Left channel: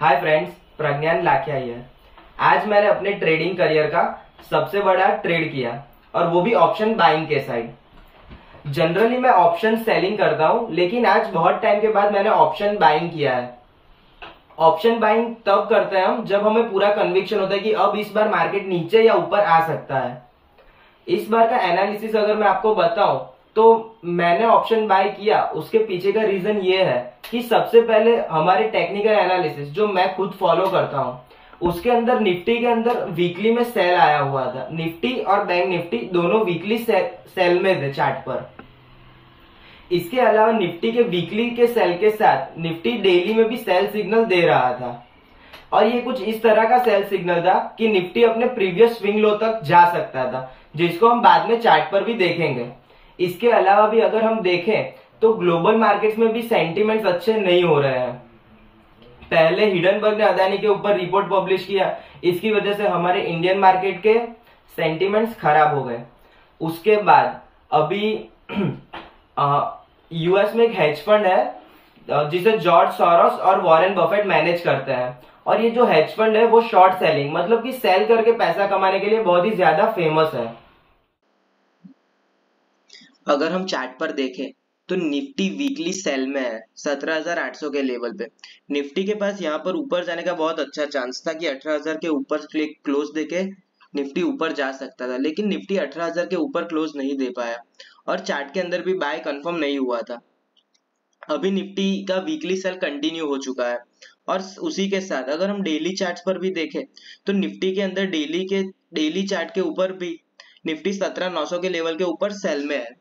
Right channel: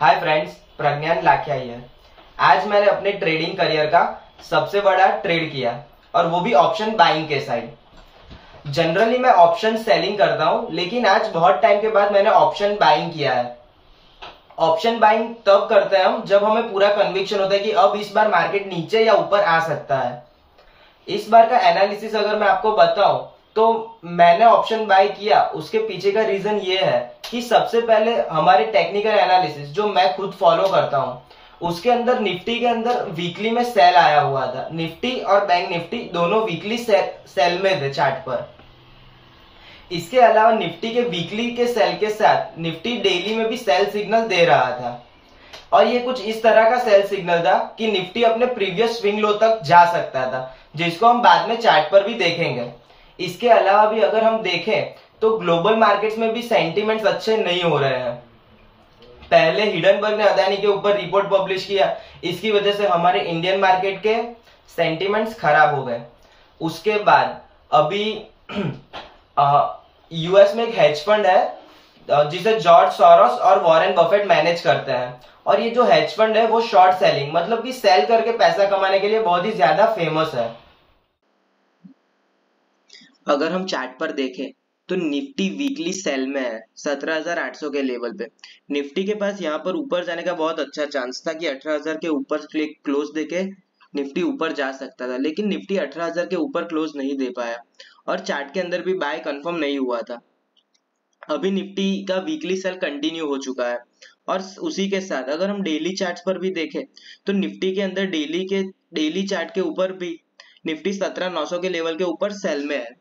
Hi friends, Pragyan Lakhia here. आज मैंने अपने ट्रेडिंग करियर का सबसे बड़ा ट्रेड किया और वो भी ऑप्शन बाइंग के साइड। जनरली मैं ऑप्शन सेलिंग करता हूं, लेकिन आज बहुत टाइम के बाद मैंने ऑप्शन बाइंग किया है। ऑप्शन बाइंग तब करते हैं हम जब हमें पूरा कन्विक्शन होता है कि अब इस बार मार्केट नीचे या ऊपर आ सकता है। इस बार का एनालिसिस अगर मैं आपको बताऊं तो मैंने ऑप्शन बाय किया, उसके पीछे का रीजन ये है कि सबसे पहले हमारे टेक्निकल एनालिसिस जो मैं खुद फॉलो करता हूं उसके अंदर निफ्टी के अंदर वीकली में सेल आया हुआ था। निफ्टी और बैंक निफ्टी दोनों वीकली सेल में थे चार्ट पर। इसके अलावा निफ्टी के वीकली के सेल के साथ निफ्टी डेली में भी सेल सिग्नल दे रहा था और ये कुछ इस तरह का सेल सिग्नल था कि निफ्टी अपने प्रीवियस स्विंग लो तक जा सकता था, जिसको हम बाद में चार्ट पर भी देखेंगे। इसके अलावा भी अगर हम देखें तो ग्लोबल मार्केट्स में भी सेंटीमेंट्स अच्छे नहीं हो रहे हैं। पहले हिडनबर्ग ने अदानी के ऊपर रिपोर्ट पब्लिश किया, इसकी वजह से हमारे इंडियन मार्केट के सेंटीमेंट्स खराब हो गए। उसके बाद अभी यूएस में एक हेज फंड है जिसे जॉर्ज सोरोस और वॉरेन बफेट मैनेज करते हैं, और ये जो हेज फंड है वो शॉर्ट सेलिंग मतलब कि सेल करके पैसा कमाने के लिए बहुत ही ज्यादा फेमस है। अगर हम चार्ट पर देखें तो निफ्टी वीकली सेल में है 17,800 के लेवल पे। निफ्टी के पास यहाँ पर ऊपर जाने का बहुत अच्छा चांस था कि 18,000 के ऊपर क्लोज देके निफ्टी ऊपर जा सकता था, लेकिन निफ्टी 18,000 के ऊपर क्लोज नहीं दे पाया और चार्ट के अंदर भी बाय कंफर्म नहीं हुआ था। अभी निफ्टी का वीकली सेल कंटिन्यू हो चुका है और उसी के साथ अगर हम डेली चार्ट्स पर भी देखें तो निफ्टी के अंदर डेली चार्ट के ऊपर भी निफ्टी 17,900 के लेवल के ऊपर सेल में है।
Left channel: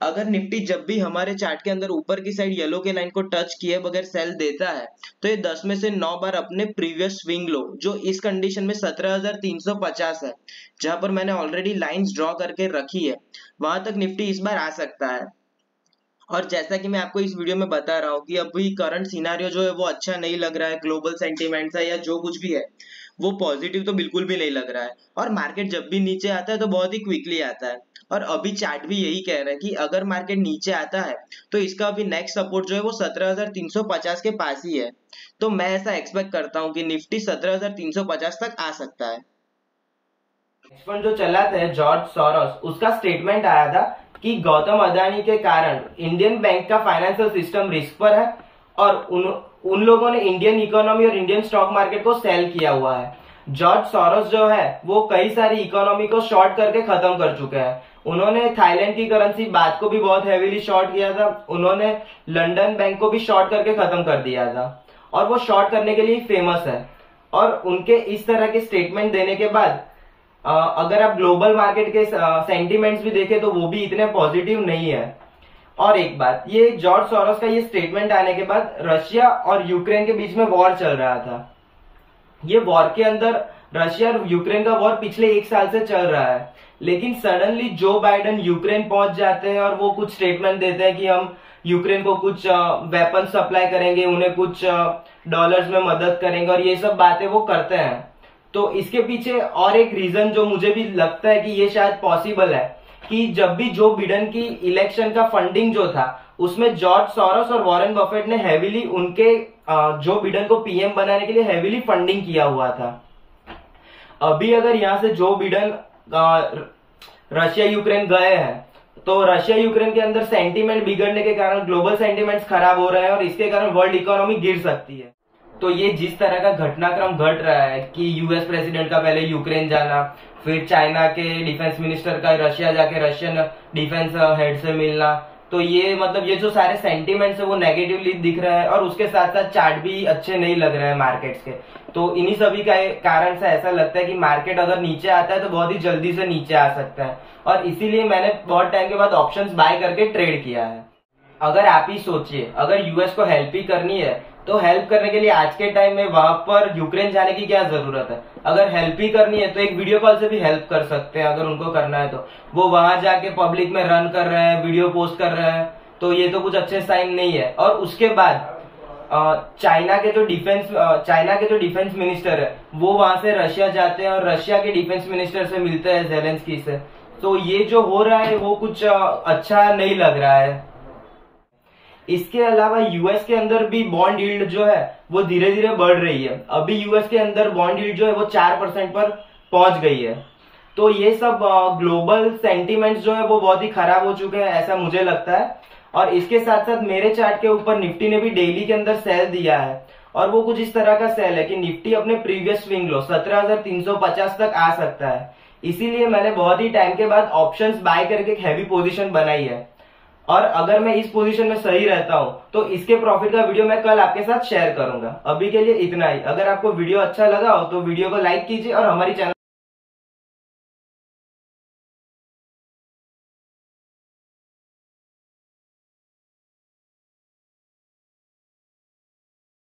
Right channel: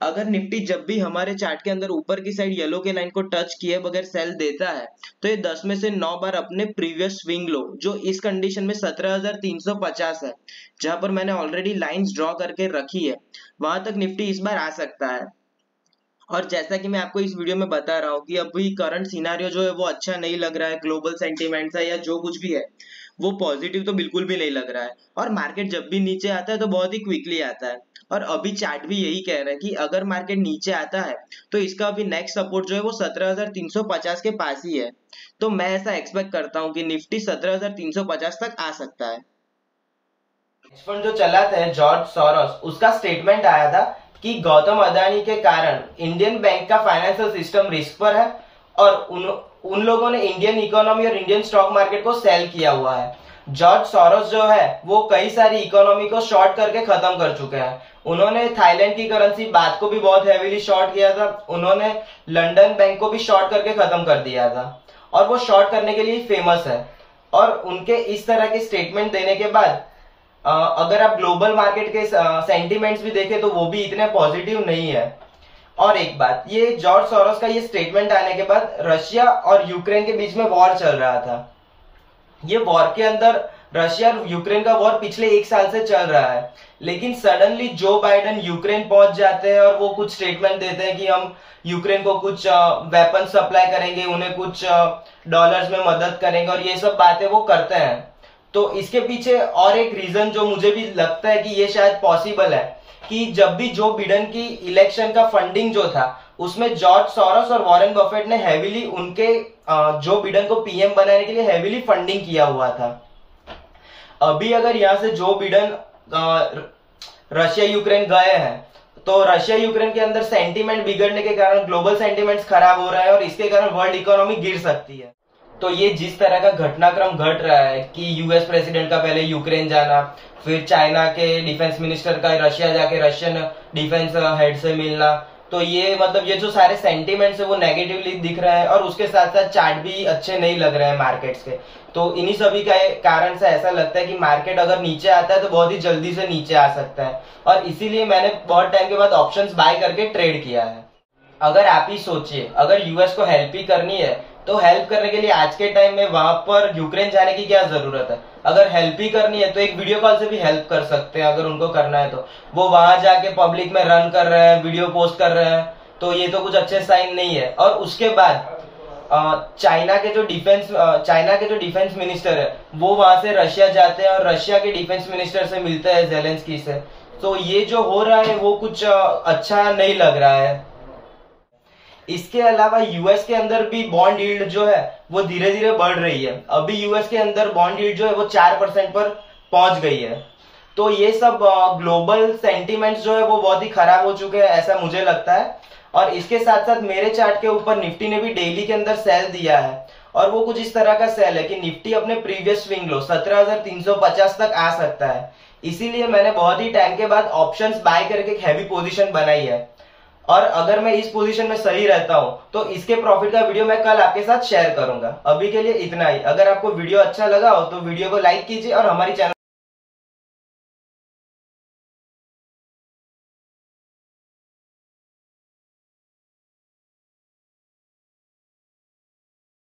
अगर निफ्टी जब भी हमारे चार्ट के अंदर ऊपर की साइड येलो के लाइन को टच किए बगैर सेल देता है तो ये 10 में से 9 बार अपने प्रीवियस स्विंग लो जो इस कंडीशन में 17,350 है, जहां पर मैंने ऑलरेडी लाइंस ड्रॉ करके रखी है, वहां तक निफ्टी इस बार आ सकता है। और जैसा कि मैं आपको इस वीडियो में बता रहा हूँ कि अभी करंट सिनारियो जो है वो अच्छा नहीं लग रहा है, ग्लोबल सेंटीमेंट्स है या जो कुछ भी है वो पॉजिटिव तो बिल्कुल भी नहीं लग रहा है, और मार्केट जब भी नीचे आता है तो बहुत ही क्विकली आता है। और अभी चार्ट भी यही कह रहा है कि अगर मार्केट नीचे आता है तो इसका अभी नेक्स्ट सपोर्ट जो है वो 17,350 के पास ही है। तो मैं ऐसा एक्सपेक्ट करता हूँ कि निफ्टी 17,350 तक आ सकता है। फंड जो चलाते हैं जॉर्ज सोरोस, उसका स्टेटमेंट आया था कि गौतम अदानी के कारण इंडियन बैंक का फाइनेंशियल सिस्टम रिस्क पर है और उन लोगों ने इंडियन इकोनॉमी और इंडियन स्टॉक मार्केट को सेल किया हुआ है। जॉर्ज सोरोस जो है वो कई सारी इकोनॉमी को शॉर्ट करके खत्म कर चुके हैं। उन्होंने थाईलैंड की करेंसी बात को भी बहुत हेवीली शॉर्ट किया था, उन्होंने लंदन बैंक को भी शॉर्ट करके खत्म कर दिया था और वो शॉर्ट करने के लिए फेमस है। और उनके इस तरह के स्टेटमेंट देने के बाद अगर आप ग्लोबल मार्केट के सेंटीमेंट्स भी देखें तो वो भी इतने पॉजिटिव नहीं है। और एक बात, ये जॉर्ज सोरोस का ये स्टेटमेंट आने के बाद रशिया और यूक्रेन के बीच में वॉर चल रहा था। ये वॉर के अंदर रशिया और यूक्रेन का वॉर पिछले 1 साल से चल रहा है, लेकिन सडनली जो बाइडेन यूक्रेन पहुंच जाते हैं और वो कुछ स्टेटमेंट देते हैं कि हम यूक्रेन को कुछ वेपन सप्लाई करेंगे, उन्हें कुछ डॉलर्स में मदद करेंगे और ये सब बातें वो करते हैं। तो इसके पीछे और एक रीजन जो मुझे भी लगता है कि ये शायद पॉसिबल है कि जब भी जो बिडेन की इलेक्शन का फंडिंग जो था उसमें जॉर्ज सोरोस और वॉरेन बफेट ने हेवीली उनके जो बिडेन को पीएम बनाने के लिए हेवीली फंडिंग किया हुआ था। अभी अगर यहाँ से जो बिडेन रशिया यूक्रेन गए हैं तो रशिया यूक्रेन के अंदर सेंटीमेंट बिगड़ने के कारण ग्लोबल सेंटीमेंट्स खराब हो रहा है और इसके कारण वर्ल्ड इकोनॉमी गिर सकती है। तो ये जिस तरह का घटनाक्रम घट रहा है कि यूएस प्रेसिडेंट का पहले यूक्रेन जाना, फिर चाइना के डिफेंस मिनिस्टर का रशिया जाके रशियन डिफेंस हेड से मिलना, तो ये मतलब ये जो सारे सेंटीमेंट्स है वो नेगेटिवली दिख रहे हैं और उसके साथ साथ चार्ट भी अच्छे नहीं लग रहे हैं मार्केट्स के। तो इन्हीं सभी का कारण से ऐसा लगता है कि मार्केट अगर नीचे आता है तो बहुत ही जल्दी से नीचे आ सकता है, और इसीलिए मैंने बहुत टाइम के बाद ऑप्शंस बाय करके ट्रेड किया है। अगर आप ही सोचिए, अगर यूएस को हेल्प ही करनी है तो हेल्प करने के लिए आज के टाइम में वहां पर यूक्रेन जाने की क्या जरूरत है। अगर हेल्प ही करनी है तो एक वीडियो कॉल से भी हेल्प कर सकते हैं अगर उनको करना है तो। वो वहां जाके पब्लिक में रन कर रहे हैं, वीडियो पोस्ट कर रहे हैं, तो ये तो कुछ अच्छे साइन नहीं है। और उसके बाद चाइना के जो डिफेंस मिनिस्टर है वो वहां से रशिया जाते हैं और रशिया के डिफेंस मिनिस्टर से मिलते हैं, जेलेंस्की से। तो ये जो हो रहा है वो कुछ अच्छा नहीं लग रहा है। इसके अलावा यूएस के अंदर भी बॉन्ड यील्ड जो है वो धीरे धीरे बढ़ रही है। अभी यूएस के अंदर बॉन्ड यील्ड जो है वो 4% पर पहुंच गई है। तो ये सब ग्लोबल सेंटीमेंट्स जो है वो बहुत ही खराब हो चुके हैं, ऐसा मुझे लगता है। और इसके साथ साथ मेरे चार्ट के ऊपर निफ्टी ने भी डेली के अंदर सेल दिया है, और वो कुछ इस तरह का सेल है कि निफ्टी अपने प्रीवियस स्विंग लो 17,350 तक आ सकता है। इसीलिए मैंने बहुत ही टाइम के बाद ऑप्शंस बाय करके एक हैवी पोजीशन बनाई है, और अगर मैं इस पोजीशन में सही रहता हूं तो इसके प्रॉफिट का वीडियो मैं कल आपके साथ शेयर करूंगा। अभी के लिए इतना ही। अगर आपको वीडियो अच्छा लगा हो तो वीडियो को लाइक कीजिए और हमारी चैनल